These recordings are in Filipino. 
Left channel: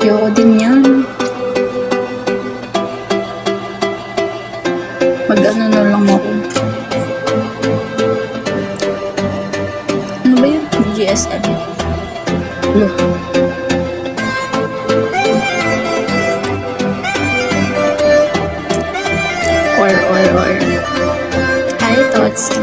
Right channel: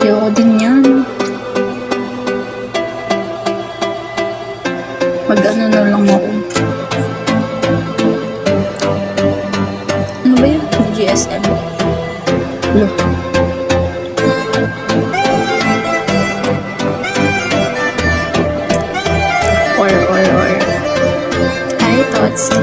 Ayoko din yan. Mag-ano na lang ako. Ano ba yun? GSM. Look. Or. Hi, Totski.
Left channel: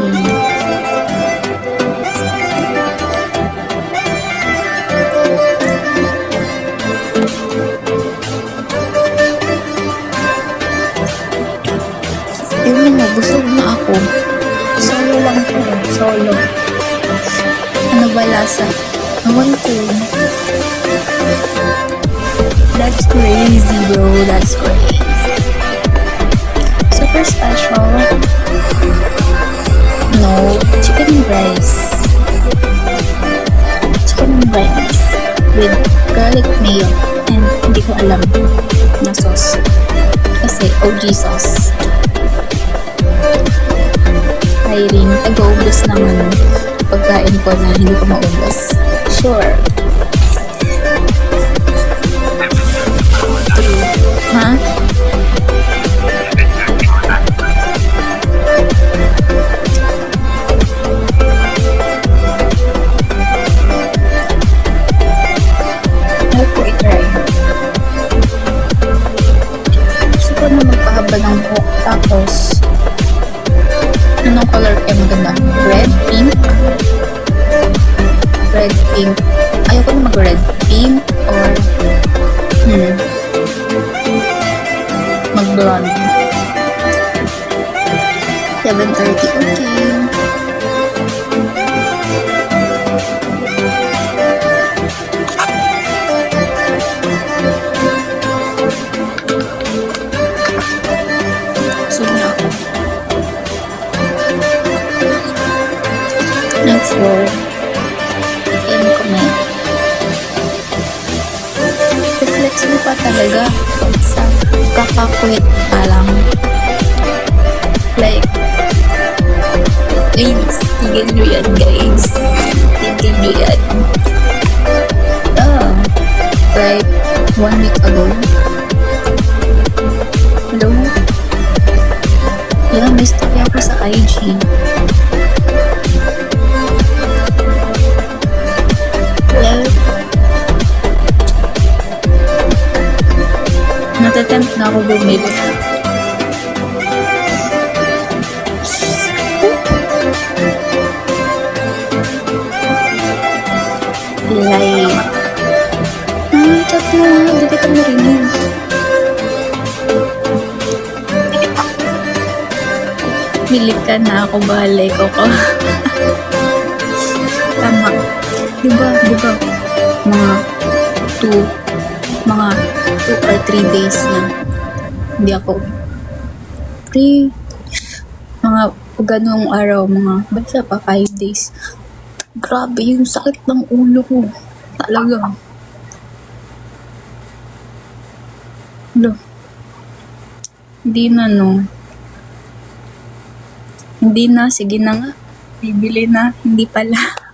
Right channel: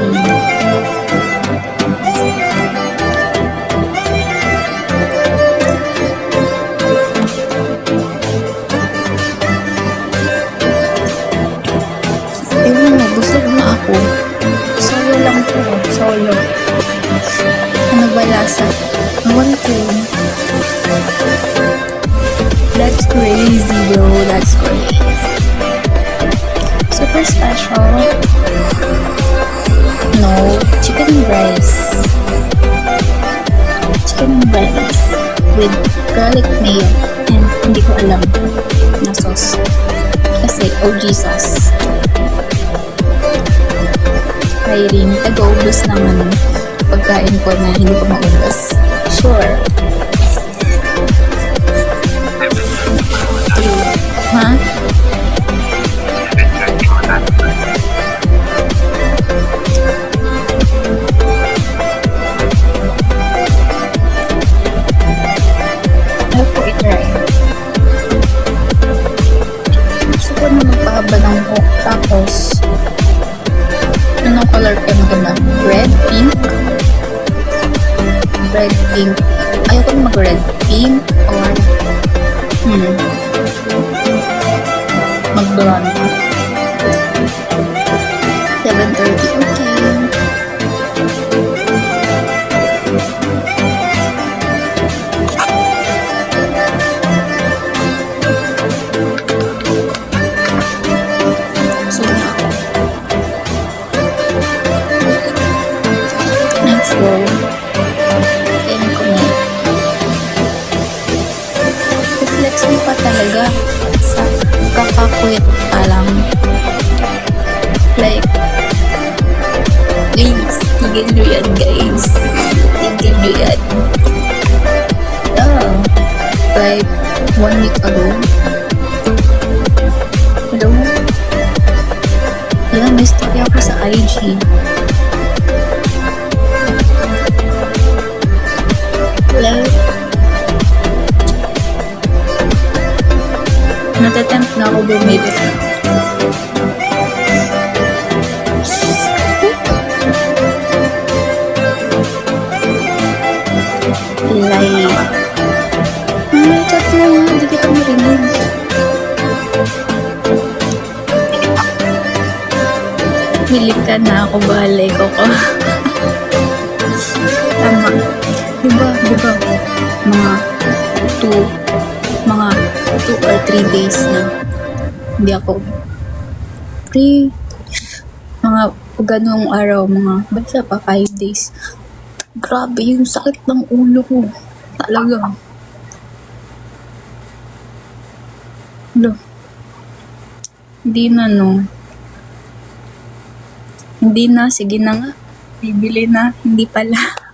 Ayun na, busog na ako. Solo lang to. Solo. Ano ba lasa? Awan ko. That's crazy, bro. That's crazy. Super special. No, chicken and rice. Chicken and rice with garlic mayo and hindi ko alam na sauce. Kasi OG sauce. Hiring, taga-ubos ng pagkain ko na hindi ko maubos. Sure. True. Ha? Ayaw ko i-try. Gusto ko na magpahaba ng buhok. Tapos, anong color kaya maganda? Red? Pink? Red, pink. Ayaw ko na mag-red. Pink or mag-blonde. 7:30. Okay. So na ako. Let's go. Kaya ko may reflex mo pa talaga sa kakakwit pa lang. Like, please, tigil nyo yan, guys. Tigil nyo yan. Like, 1 week ago. Hello? Yeah, may story ako sa IG. Hello? Natatempt na ako bumili. Like, chat mo nga, di kita marinig. Milik ka na ako, balay ko ko. Tama. Diba, mga 2 or 3 days na hindi ako free. Mga ganong araw, basta pa 5 days. Grabe yung sakit ng ulo ko. Talaga. Hindi na, no. Hindi na, sige na nga. Bibili na, hindi pala.